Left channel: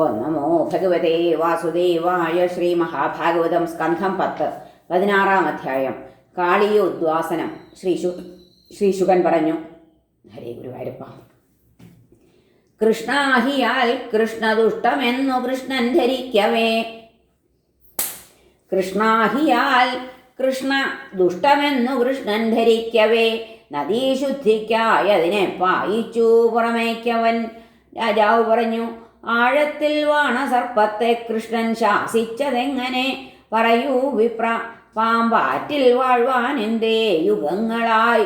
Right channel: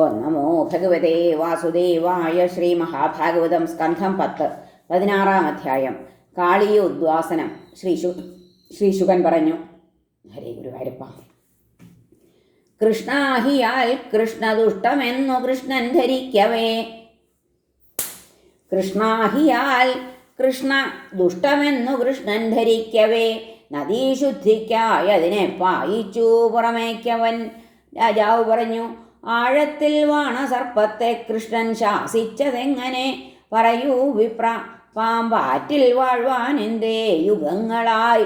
ഓ നമോ ഭഗവതേ വാസുദേവായ ശ്രീ മഹാഭാഗവതം സ്കന്ധം പത്ത് പതിനാറാം അധ്യായം കാളിയ ഉദ്വാസനം ശ്രീശു ശ്രീശുഖൻ പറഞ്ഞു ഹരേ ഗുരുവായൂരപ്പ കൃഷ്ണാഹിയാൽ കൃഷ്ണദുഷ്ടമെന്നു കൃഷ്ണൻ ധരിക്കവേ. കൃഷ്ണാഹിയാൽ കൃഷ്ണ ദുഷ്ടമെന്നു കൃഷ്ണൻ ധരിക്കവേ. നദീശുദ്ധിക്കായതിനെ പായിച്ചു പുറമേക്കവൻ. രാജാവ് പറഞ്ഞു ആഴത്തിൽ വാണ സർപ്പത്തെ കൃഷ്ണൻ ശാസിച്ചതെങ്ങനെ? പറയൂ വിപ്ര. പാമ്പാറ്റിൽ വാഴ്വാൻ എന്തേ യുഗങ്ങളായി?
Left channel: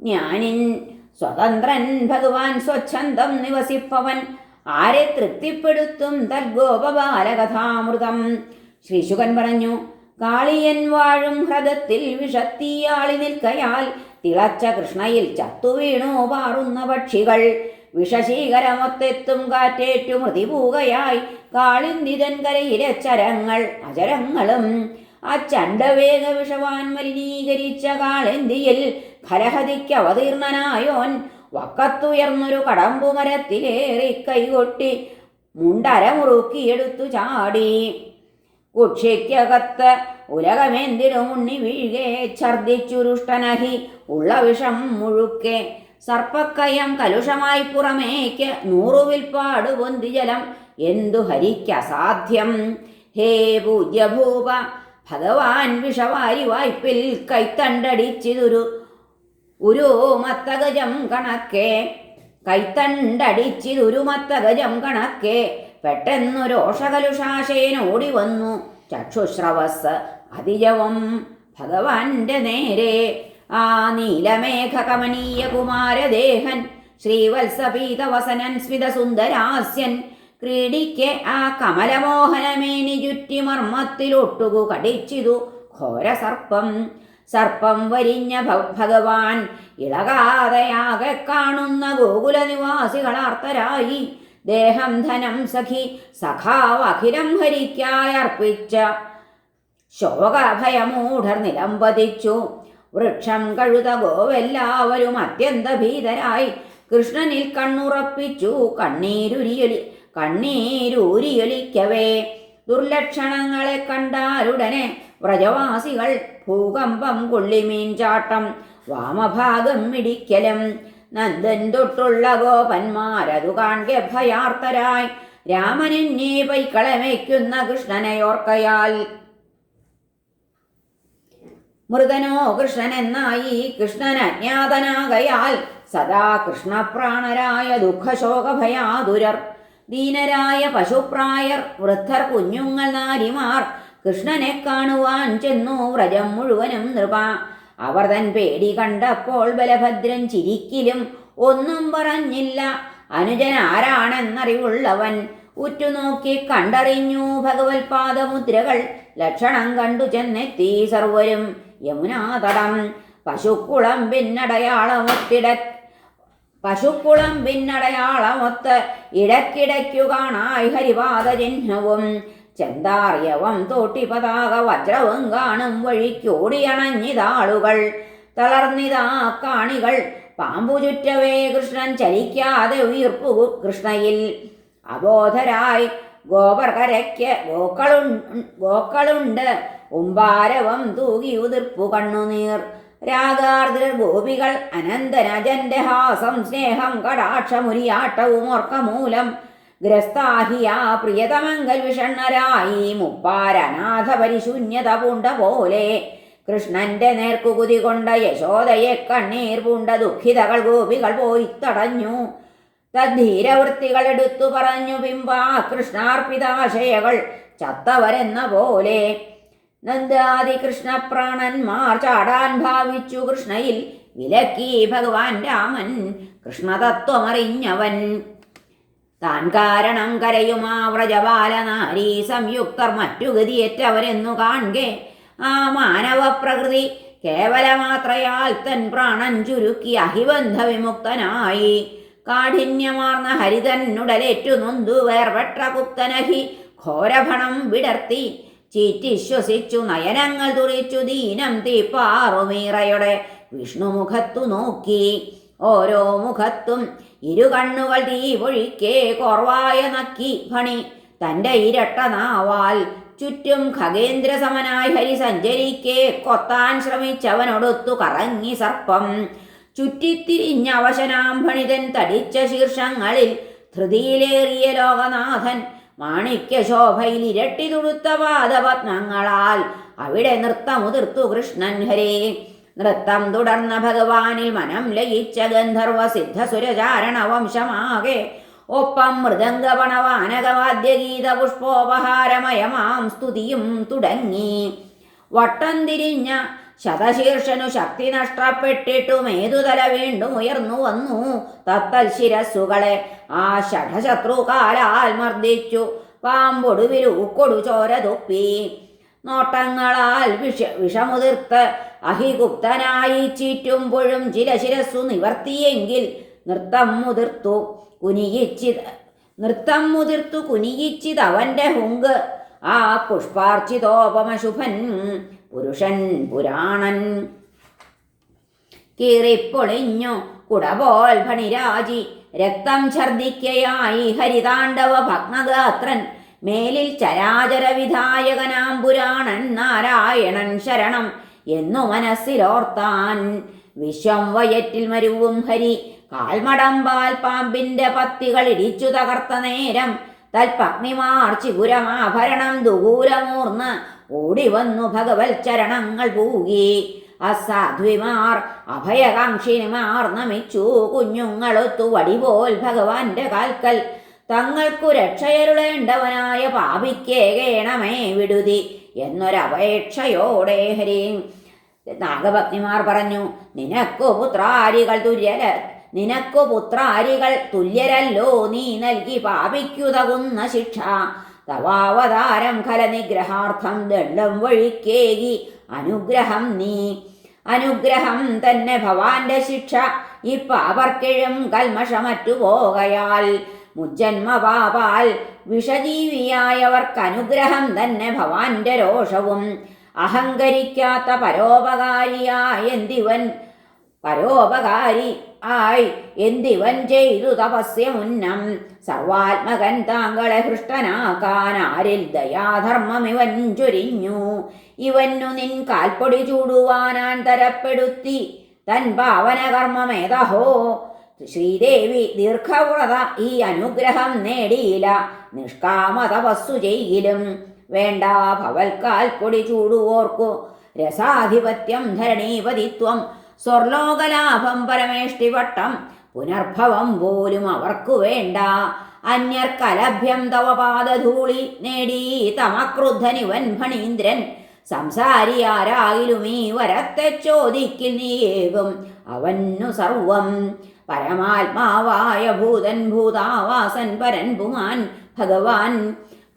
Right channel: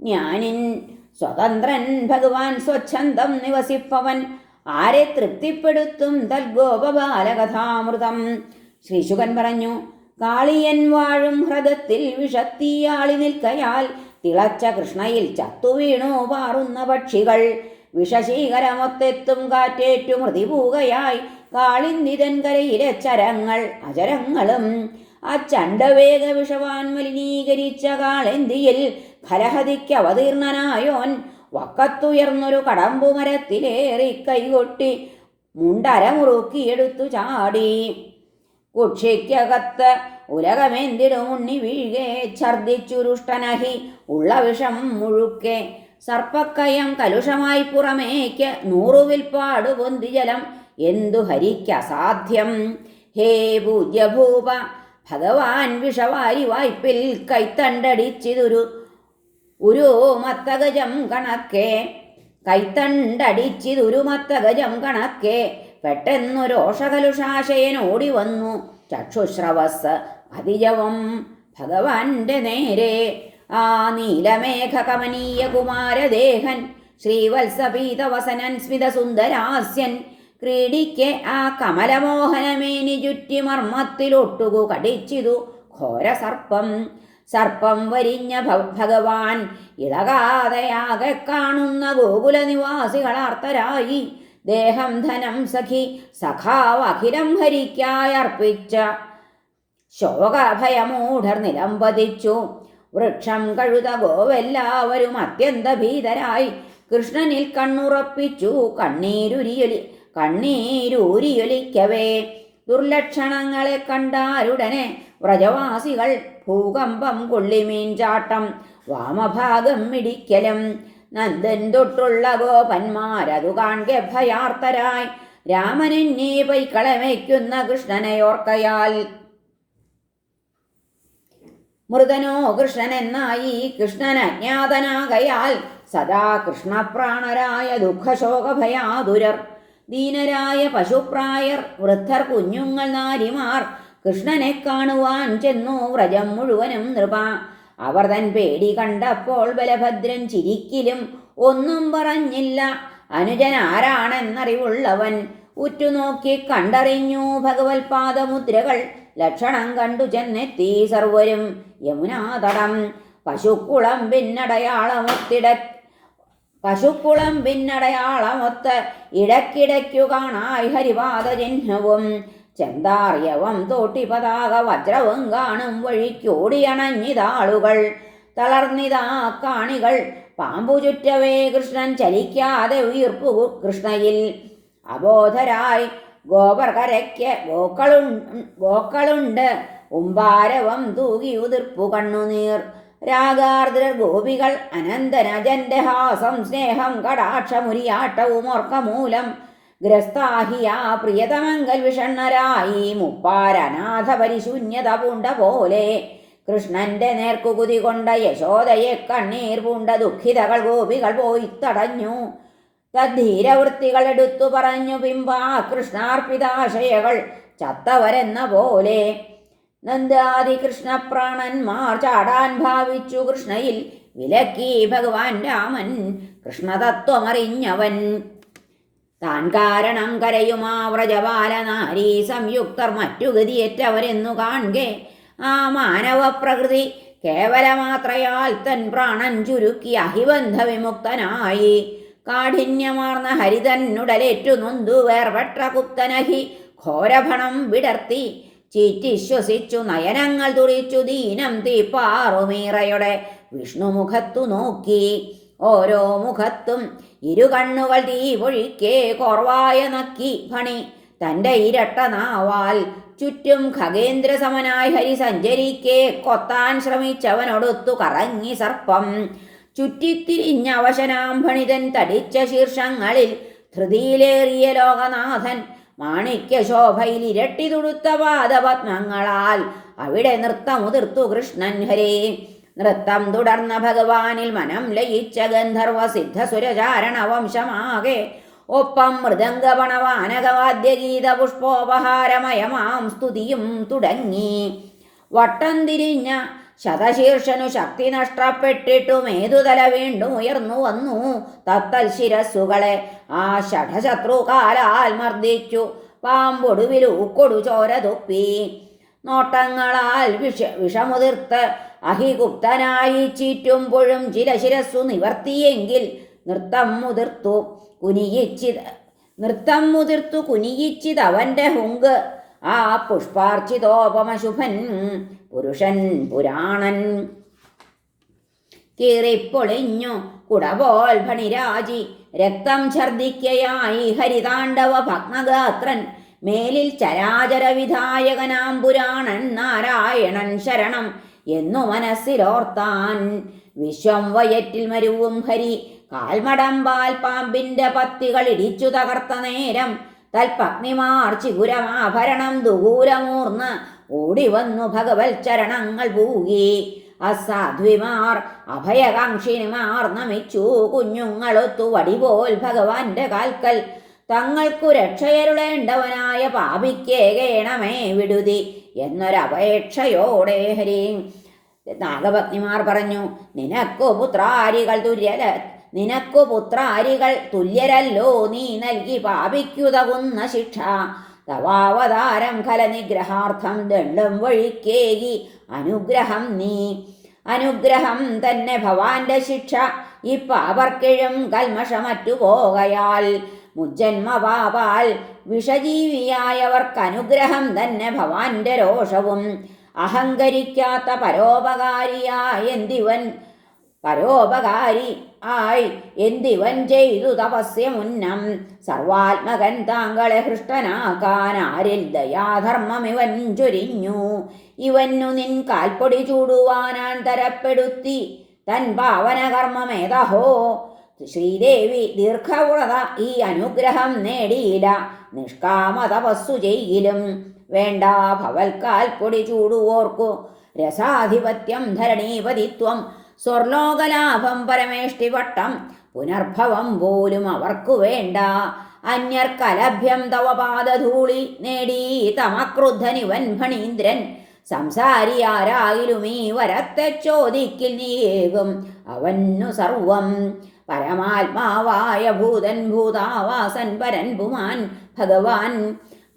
ഞാനിൻ സ്വതന്ത്രൻ ഭഗവാൻ സ്വച്ഛന്തം നിവസിപ്പവൻ. ആരെ തൃപ്തിപ്പെടുത്തും തദ്ഗോപബാലകഥാമൃതം ശ്രീശുകൻ പറഞ്ഞു കാളിയൻ വാഴും ഹൃദത്തിൽ വിഷത്തീയാളി നിൽക്കയാൽ തിളച്ച കൃഷ്ണയിൽ ചത്തുവീണു പാറുന്ന പക്ഷികൾ. വിഷശീകരമൊത്തെത്തും കാറ്റേറ്റു മൃതിപൂകയായി കാളിന്തിതൻ കരയിലെ ചരങ്ങൾ അചരങ്ങളും ആ വിഷവാൻ മലിനീകരിച്ച കാളെന്തിയിൽ ഫലഹതിക്ക് അവതീർണനായോൻ വക്കത്തുയർന്നൊരു കടമ്പുമരത്തിലേറി കൈകൊട്ടി മുണ്ടരമുറുക്കിയെടുത്തു ചാടി. കുക്ഷിക്കകത്ത് ഉലകമെന്തിനു ഉണ്ണി വീഴേ ഛർദിച്ചുരുഷ്ടനഹി ഉള്ള വിഷം മുഴുക്കെ സർപ്പക്കയം കലുഷമായി പുറമേക്ക് നൂറുവിൽപ്പാട് പൊന്തി ജലം. എന്തു ഹരിക്കസാധ്യം ഹേ പൂജ്യഭൂപ ഭഗവാൻ വിഷവാരി വായ്പിൽ കൈത്തണ്ടടിച്ചിതൊരു ഒരു മത്തഗജം കണക്കെ. കൈത്തണ്ടടിച്ചിതൊരു മത്തഗജം കണക്കെ. പെട്ടെന്നൊരോഷകലുഷാശയൻ ഓടി വന്നു. ചക്ഷുശ്രവസ് അതിജവം ഭഗവാന്റെ നേരെ. ആ നീലമേഘ കമനീയ കുമാരദേഹൻ ശ്രീവത്സപീതവസനൻ സ്മിതസുന്ദരാസ്യൻ ക്രീഡിക്ക് ആ കമലമോഹനമേനി ചുറ്റി മർമ്മത്തിലൊട്ടുകു കടിച്ചിതു ഘോരസർപ്പം. സർപ്പം വരിഞ്ഞ ഭഗവാൻ ഇളകാതെയാകെ കാണുന്ന ഗോകുല നിവാസികളാർത്തരായി ദേഹം ധനം സഖി സഖാവ് അഖിലം ഹരിക്കായർപ്പിച്ച ശോകഭയമൂഢർ നിലംപതിച്ചു. വൃക്ഷം കഴുത ഗോവെല്ലാവരും അത്യന്ത ഭീതരായി. കൃഷ്ണനിൽ കണ്ണുറപ്പിച്ചു കണ്ണീരുരിയൊലി കണ്ണീരൂരിയൊലിക്കവേ. ദുർലക്ഷണങ്ങളെ കണ്ടാരുടനെ വ്രജവാസികൾ ഭൂകമ്പം കൊള്ളിമീൻ ചാട്ടം വാമഭാഗം ഇടിക്കലും. നന്ദൻ തൊട്ടുള്ള ഗോപന്മാരതു കാൺകെ ഭയാർത്തരായി രാമനെന്നെ പൈക്കളമേക്കുന്ന കൃഷ്ണനെയോർക്കയാൽ മൃതനോ കൃഷ്ണനെന്നായി കൃഷ്ണൻ അജ്ഞാതനാകയാൽ സദാ കൃഷ്ണപ്രാണരായ ദുഃഖശോകഭയാതുരർ ദീനരായ പശുപ്രായർ വൃദ്ധർ കുഞ്ഞുങ്ങൾ നാരിമാർ കൃഷ്ണനെ കാണുവാൻ ചെന്നു വ്രജം മുഴുവനും നൃപ. അവർ തൻ പേടി കണ്ടപ്പോൾ ബലഭദ്രൻ ചിരിക്കിലും ഒന്നും പറഞ്ഞില്ല. അനുജൻ ആരാണെന്നറിവുള്ളവൻ ഉറ്റുനോക്കി കണ്ടറിഞ്ഞു ഭഗവത്പാദമുദ്രകൾ ലക്ഷണം കണ്ടു ചെന്നെത്തി സർവരും. യമുനാതടം. പശുക്കുളം പിന്നടയാളമൊത്തിട പശുക്കുളം പിന്നടയാളമൊത്ത് ഇടക്കിടയ്ക്കു കാണായി ഹരിപാദ ചിഹ്നവും ചെന്താറിയവം തോട്ടി പതാക വജ്രവും കാണും വഴിക്കോടിയണഞ്ഞിതാളുകൾ. തളർന്നിതാ കാണികൾ പാമ്പു ചുറ്റവേ കൃഷ്ണൻ ചലിക്കാതെ ഉയർപ്പു കൃഷ്ണയിൽ. അബോധരായി ഗോപർകരയ്ക്ക് ഗോക്കളുണ്ട് ഗോക്കളു ഗോക്കളുണ്ട് ഉമ്പാരവം തൂകി ഉതിർപ്പു കണ്ണുനീർ രാഗാർദ്ര ഗോപികൾ അനന്തനജന്റെ ഹാസം സ്നേഹം കടാക്ഷമുരിയാട്ടവും ഓർക്കമൂലം ഗ്രസ്താഹിയ പ്രിയതമങ്കൽ വിഷണ്ണരായി മുപ്പാരനാഥ പരിശൂന്യത പൂണ്ട പോലെ. കൃഷ്ണന്റെ നേർക്കുകുതി കൊണ്ട യശോദയെ കണ്ണീർ പൂണ്ട ദുഃഖിതകൾ ഗോപികൾ പോയി തടഞ്ഞു. തദ്ധീരവൃത്തികൾ എടുത്തു പറഞ്ഞു ബിംബാ കൃഷ്ണാർപ്പിതാശയകൾ ചത്തവരെന്ന പോലെ. നന്ദാതി കൃഷ്ണപ്രാണന്മാർ ചാടാൻ ഭാവിച്ചു കൃഷ്ണയിൽ വിലക്കി ഭഗവാൻ രാമൻ കൃഷ്ണതത്വമറിഞ്ഞവൻ. താൻ കാരണം കരയുമാ വ്രജപാലനാരി സംയുക്തർ മറ്റു ഗതിയേറ്റവരെന്നു കാണെ ആ മാനവ പ്രകൃതി കേവലമാത്രയാൽ തൻ പ്രാണൻ ചുരുക്കി അഹിബന്ധ വിമുക്തനായി കാഠിന്യമാർന്ന ഉടലേറ്റു നൊന്തു വേർപെട്ട കുപ്തനഹി ഘോരഭണം വിടർത്തി ചീറ്റിശ്വസിച്ചു നയനങ്ങൾ തുറിച്ചു ദീനം തീപ്പാറുമീറയുടെ വിഷ്ണുമുഖത്തു നോക്കി. ഓരോ മുഖത്തും ഇരു കണ്ണുകൾ തീ പൊഴിക്കേ കോർവായ നക്കി ഫണി തന്റെ ഇരട്ട നാവാൽ ചുറ്റും ഖഗേന്ദ്രസമനായി ഹരി സഞ്ചരിക്കേ കൊത്താൻ ശ്രമിച്ചവനൊടുത്തു കറങ്ങി സർപ്പം. ചുറ്റിത്തിരിഞ്ഞ അവശനാം ഭണിതൻ തടിച്ച ശീർഷങ്ങളിൽ ധൃതിയിലേറിയ ലോകനാഥൻ മാണിക്യ ശോഭയിൽ ഇരട്ടി തുടുത്ത പാദപത്മങ്ങളാൽ അവിടെ നൃത്തമുതിർത്തു കൃഷ്ണൻ ഹരേ. നൃത്തം തുടർന്ന ഭഗവാനിൽ മനം ലയിച്ച ഗന്ധർവ സിദ്ധസുരചാരണ വംശമാകെ ഒപ്പം മൃദംഗപണവാനകവാദ്യഗീത പുഷ്പോപഹാരമയമാം സ്തുതിയും തുടങ്ങി. വട്ടം തിരിഞ്ഞ ശതശീർഷനു ശക്തി നഷ്ടപ്പെട്ടിട്ടും ഏതുതല വീണ്ടും ഉയർന്നു വന്നു. തത്തൽ ശിരസ്സുകളെ ആ ഷഠശത്രു കാലാൽ മർദ്ദിച്ചു. പാമ്പൊടുവിൽ ഊക്കൊടു ചോര തുപ്പി. നോട്ടങ്ങളാൽ വിഷ വിഷമുതിർത്ത് അഹിഗുപ്തനായി ചീറ്റുമ്പോഴും ചില ശിരസ്സു നിവർത്തിയെങ്കിൽ നൃത്തം മുതിർത്തു കുനിയിച്ചിത് നൃത്തം മുതിർത്തു കുനിയിച്ചിത് അവന്റെ ഹുങ്ക്. ആ പുഷ്പാർച്ചിതോപമശുഭൻ പുരുഷൻ പുരാണൻ. കീറിപ്പൊളിഞ്ഞു കുടപോൽ ഭണിരാജി രക്തം ഛർദിക്കയായി ഹരിതാണ്ഡവ ഭഗ്നഗാത്രൻ. മേലിൽ ചരാചര വിധായകനാം പുരാണൻ നാരായണൻ ശരണം എന്നു മനസ്സിലോർത്താൻ. വിശ്വം വയറ്റിൽ മരുവും ഹരി കാൽമടം പാൽ പാമ്പിന്റെ പത്തികൾ ഇടിച്ചു തകർത്ത നേരം തൽപഗ്നിമാർ ചിഗുരമാഭരണം ദൂരമൂർന്ന് ഓടി വന്നു ഭഗവത് ചരണങ്ങൾ പൂകി. അസാധ്വിമാർ അഭയകാംക്ഷിനിമാർ നമിച്ചു. കുഞ്ഞുങ്ങളൊത്തു വടിപോൽ ഭഗവാന്റെ കാൽക്കൽ. തങ്ങൾക്കു രക്ഷയരുളേണ്ടവനായ പാപിക്കേകേണമേ വിടുതി എന്നൊരപേക്ഷയോടെ ഹരി. നാഗപത്നിമാർ പറഞ്ഞു നിനക്കു പുത്രാരികൾ തുല്യര നിനക്കു പുത്രാരികൾ തുല്യരല്ലോ നീ നൽകി പാപിക്കുതകുന്ന ശിക്ഷ. തവാവതാരം കലനിഗ്രഹാർത്ഥം ദണ്ഡം വഴിക്കേകി. അനുഗ്രഹം നീ. അനുഗ്രഹം തന്നെ ഭവാന്റെ ശിക്ഷ. ഈ പാവർക്കിഴും കൽമഷമറ്റു പോകയാൽ മുജ്ജന്മപാപാൽ തന്നെ ഭവാന്റെ രോഷവും. അഹങ്കരിക്കാത്ത പരോപകാരിയായ എന്തിവൻ പരോപകാരി ആയി എന്തിവൻ ചെയ്തു തപസ്യ മുന്നം. സർവാത്മകൻ താങ്കളെ ഹൃഷ്ടനാക്കാൻ ആരിൽ ദയാധർമ്മം ഇവൻ ചൊരിഞ്ഞു. ഇവന്നു നിൻ കാൽപ്പൊടി ചൂടുവാനാൻ തരപ്പെടുത്തി. തൻ പാവനകർമ്മമേതഹോ ശ്രീദേവി ദീർഘവ്രത ഈ അനുഗ്രഹം നേടിയില്ല. നിഷ്കാമ തപസ്സു ചെയ്യിലും. വേണ്ട ഭവൽക്കാൽ പൊടി ചൂടുവോർക്കു. രസാധിപത്യം ധരണീപതിത്വം. സ്വർലോകലാഭം പരമേഷ്ടിവട്ടം പുനർഭവം പോലും അവർക്കു വേണ്ട. അന്യർക്കലഭ്യം തവ പാദധൂളി നേടി തമക്രുദ്ധനിവൻ ഫണീന്ദ്രൻ സംസാരിയാരായിലും ഈ വരത്തെ ചോദിക്കിൽ നീയേകും അവന്നു സർവം. പരമാത്മാവായ ഭൂതൻ ഭൂതാവാസൻ പരൻ പുമാൻ ഭഗവാൻ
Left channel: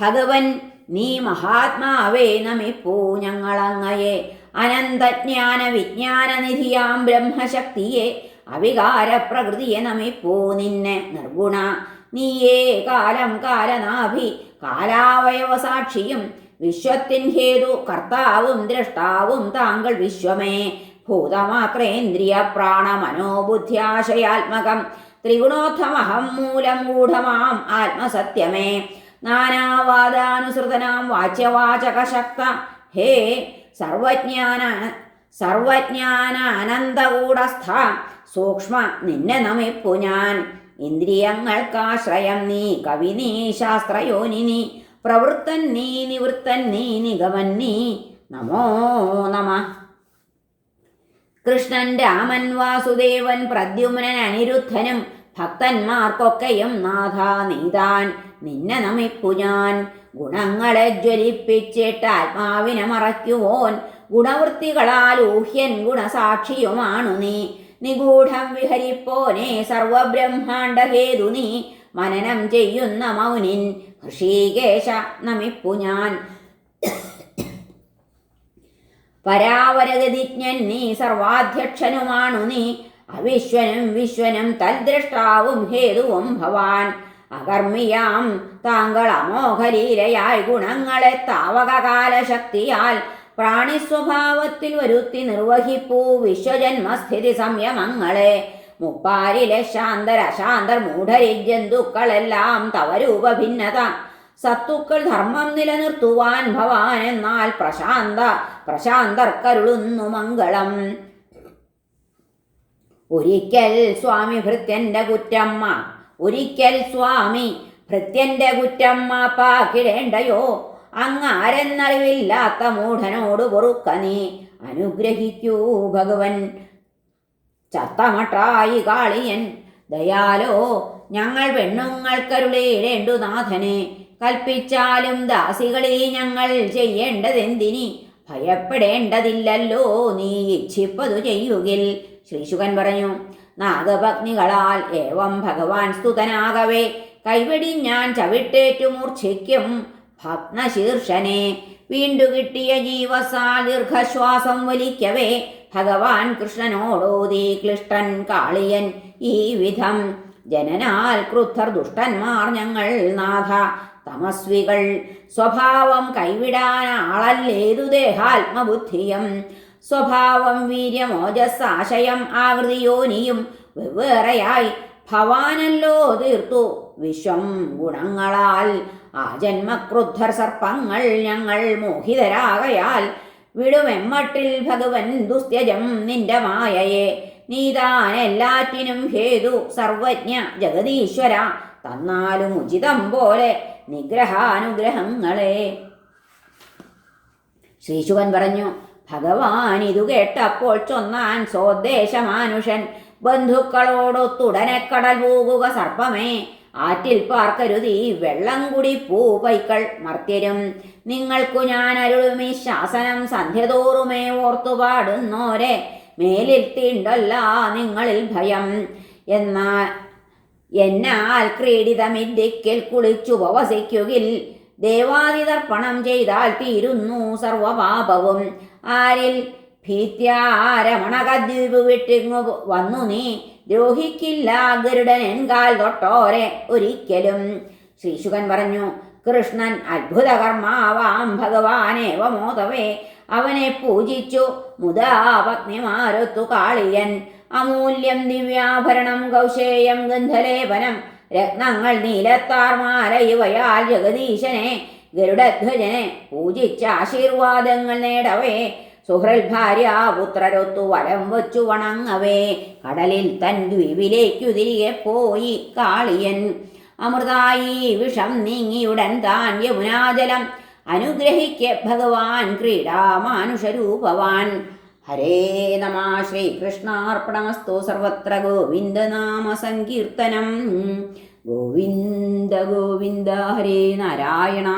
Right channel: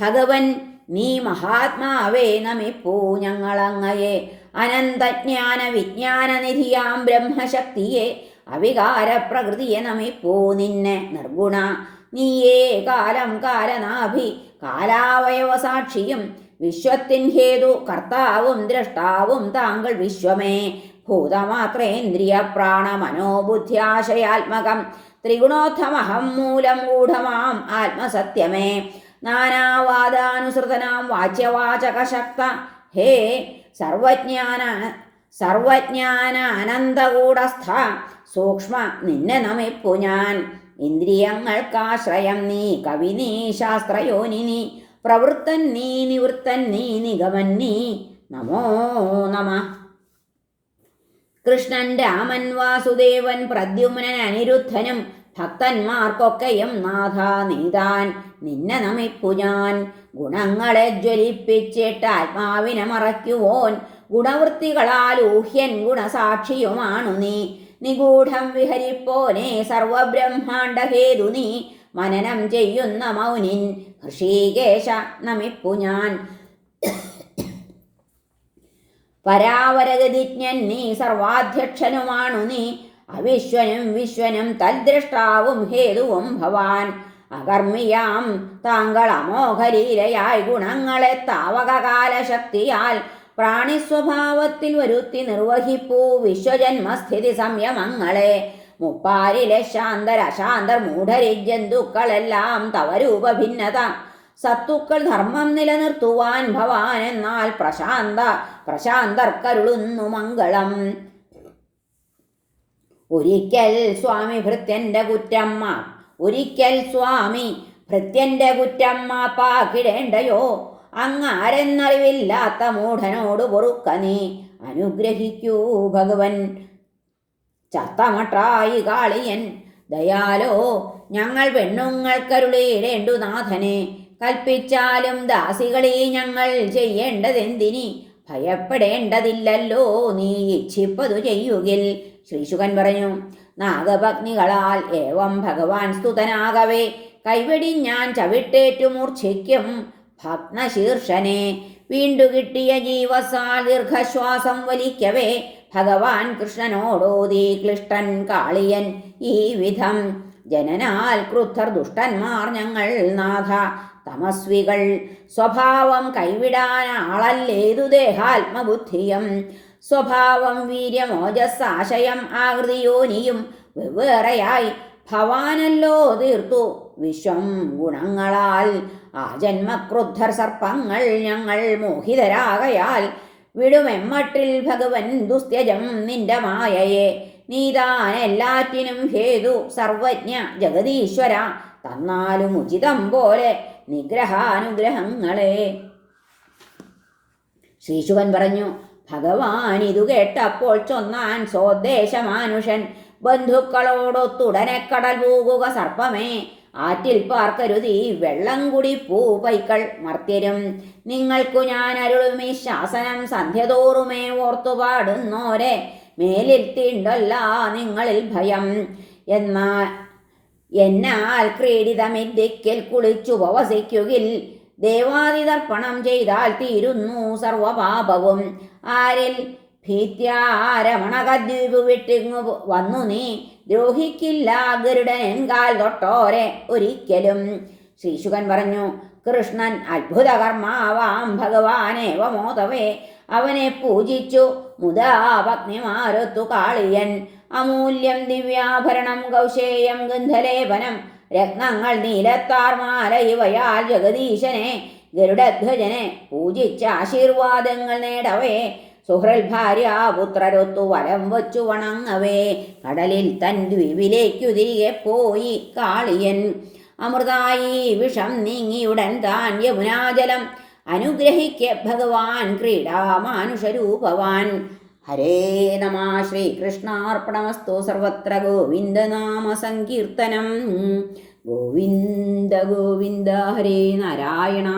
ഭഗവൻ നീ മഹാത്മാവേ നമിപ്പൂ ഞങ്ങളങ്ങയെ. അനന്തജ്ഞാന വിജ്ഞാന നിധിയാം ബ്രഹ്മശക്തിയെ അവികാര പ്രകൃതിയെ നമിപ്പോ നിന്നെ നിർഗുണ. നീയേ കാലം കാലനാഭി കാലാവയവ സാക്ഷിയും വിശ്വത്തിൻ ഹേതു കർത്താവും ദ്രഷ്ടാവും താങ്കൾ വിശ്വമേ. ഭൂതമാത്രേന്ദ്രിയ പ്രാണ മനോബുദ്ധ്യാശയാത്മകം ത്രിഗുണോത്തമഹം മൂലമൂഢമാം ആത്മസത്യമേ. നാനാവാദാനുസൃതനാം വാച്യവാചകശക്ത ഹേ സർവജ്ഞാന സർവജ്ഞാന അനന്തകൂടസ്ഥ സൂക്ഷ്മ നിന്നെ നമിപ്പു ഞാൻ. ഇന്ദ്രിയങ്ങൾക്കാശ്രയം നീ കവി നീ ശാസ്ത്രയോനി നീ. പ്രവൃത്തൻ നീ നിവൃത്തൻ നീ നിഗമൻ നീ. നമോ നമ. കൃഷ്ണൻ രാമൻ വാസുദേവൻ പ്രദ്യുമ്നൻ അനിരുദ്ധനും ഭക്തന്മാർക്കൊക്കെയും നാഥ നീതാൻ. നിന്നെ നമിപ്പു ഞാൻ. ഗുണങ്ങളെ ജ്വലിപ്പിച്ചിട്ട് ആത്മാവിനെ മറയ്ക്കുവോൻ. ഗുണവൃത്തികളാൽ ഊഹ്യൻ ഗുണസാക്ഷിയുമാണു നീ. നിഗൂഢം വിഹരിപ്പോനെ സർവബ്രഹ്മാണ്ഡഹേതു നീ. മനനം ചെയ്യുന്ന മൗനിൻ ഋഷീകേശ നമിപ്പു ഞാൻ. പരാവരഗതിജ്ഞൻ നീ സർവാധ്യക്ഷനുമാണു നീ. അവിശ്വനും വിശ്വനും തദ്ദ്രഷ്ടാവും ഹേതുവും ഭവാൻ. അകർമ്മിയാം താങ്കൾ അമോഘലീലയായി ഗുണങ്ങളെ താവകകാലശക്തിയാൽ പ്രാണിസ്വഭാവത്തിൽ വരുത്തി നിർവഹിപ്പൂ വിശ്വജന്മസ്ഥിതി സംയമങ്ങളെ. മുപ്പാരിലെ ശാന്തർ അശാന്തർ മൂഢരി ജന്തുക്കളെല്ലാം തവ രൂപഭിന്നത സത്തുക്കൾ ധർമ്മം നിലനിർത്തുവാൻ ഭവാൻ എന്നാൽ പ്രശാന്ത പ്രശാന്തർക്കരുളുന്നു മംഗളം. ഒരിക്കൽ സ്വാമി ഭൃത്യന്റെ കുറ്റമ്മ ഒരിക്കൽ സ്വാമി ഭൃത്യന്റെ കുറ്റമ്മ പാക്കിടേണ്ടയോ അങ്ങാരെന്നറിവില്ലാത്ത മൂഢനോട് പൊറുക്ക നീ. അനുഗ്രഹിക്കൂ ഭഗവൻ. ചത്തമട്ടായി കാളിയൻ. ദയാലോ ഞങ്ങൾ പെണ്ണുങ്ങൾക്കരുളേടേണ്ടു നാഥനെ. കൽപ്പിച്ചാലും ദാസികളെ ഞങ്ങൾ ചെയ്യേണ്ടതെന്തിനി? ഭയപ്പെടേണ്ടതില്ലല്ലോ നീ ഇച്ഛിപ്പതു ചെയ്യുകിൽ. ശ്രീശുഖൻ പറഞ്ഞു നാഗപത്നികളാൽ ഏവം ഭഗവാൻ സ്തുതനാകവേ. കൈവെടി ഞാൻ ചവിട്ടേറ്റു മൂർച്ഛിക്കും ഭഗ്നശീർഷനെ. വീണ്ടു കിട്ടിയ ജീവസാൽ ദീർഘശ്വാസം വലിക്കവേ. ഭഗവാൻ കൃഷ്ണനോടോതി ക്ലിഷ്ടൻ കാളിയൻ ഈ വിധം. ജനനാൽ ക്രുദ്ധർ ദുഷ്ടന്മാർ ഞങ്ങൾ നാഥ. തമസ്വികൾ സ്വഭാവം കൈവിടാൻ ആളല്ലേതു ദേഹാത്മബുദ്ധിയം. സ്വഭാവം വീര്യമോജസ്സാശയം ആകൃതിയോനിയും വെവ്വേറെയായി. ഭവാനല്ലോ തീർത്തു വിശ്വം ഗുണങ്ങളാൽ. ആ ജന്മക്രുദ്ധർ സർപ്പങ്ങൾ ഞങ്ങൾ മോഹിതരാകയാൽ. വിടുമെമ്മട്ടിൽ ഭഗവൻ ദുസ്ത്യജം നിന്റെ മായയെ. നീതാൻ എല്ലാറ്റിനും ഹേതു സർവജ്ഞ ജഗതീശ്വര തന്നാലും ഉചിതം പോലെ നിഗ്രഹാനുഗ്രഹങ്ങളെ. ശ്രീശുവൻ പറഞ്ഞു ഭഗവാൻ ഇതു കേട്ടപ്പോൾ ചൊന്നാൻ സ്വദേശമാനുഷൻ. ബന്ധുക്കളോടൊത്തുടനെ കടൽ പോകുക സർപ്പമേ. ആറ്റിൽ പാർക്കരുതി വെള്ളം കുടി പൂപൈക്കൾ മർത്യരും. നിങ്ങൾക്കു ഞാൻ അരുളുമി ശാസനം സന്ധ്യതോറുമേ ഓർത്തു പാടുന്നോരെ. മേലിൽ തീണ്ടല്ല നിങ്ങളിൽ ഭയം. എന്നാൽ എന്നാൽ ക്രീഡിതമിദ്ദിക്കിൽ കുളിച്ചു ദേവാദിതർപ്പണം ചെയ്താൽ തീരുന്നു സർവപാപവും. ആരിൽ ഭീത്യാരമണകദ്വീപ് വിട്ടിങ്ങു വന്നു നീ? ദ്രോഹിക്കില്ല ഗരുഡനെങ്കാൽ തൊട്ടോരെ ഒരിക്കലും. ശ്രീശുകൻ പറഞ്ഞു കൃഷ്ണൻ അത്ഭുതകർമാവാം ഭഗവാനേവമോതവേ അവനെ പൂജിച്ചു മുതാ പത്നിമാരൊത്തു കാളിയൻ. അമൂല്യം ദിവ്യാഭരണം കൗശേയം ഗന്ധലേപനം രത്നങ്ങൾ നീലത്താർ മാല ഇവയാൽ ജഗദീശനെ ഗരുഡധ്വജനെ പൂജിച്ച ആശീർവാദങ്ങൾ നേടവേ. സുഹൃൽ ഭാര്യ പുത്രരൊത്തു വലം വച്ചു വണങ്ങവേ. കടലിൽ തൻ ദ്വീപിലേക്കു തിരികെ പോയി കാളിയൻ. അമൃതായി വിഷം നീങ്ങിയുടൻ താൻ യമുനാജലം അനുഗ്രഹിക്ക ഭഗവാൻ ക്രീഡാമാനുഷരൂപവാൻ. ഹരേ നമ ശ്രീകൃഷ്ണാർപ്പണമസ്തു സർവത്ര ഗോവിന്ദനാമ സങ്കീർത്തനം. ഗോവിന്ദ ഗോവിന്ദ ഹരേ നാരായണ.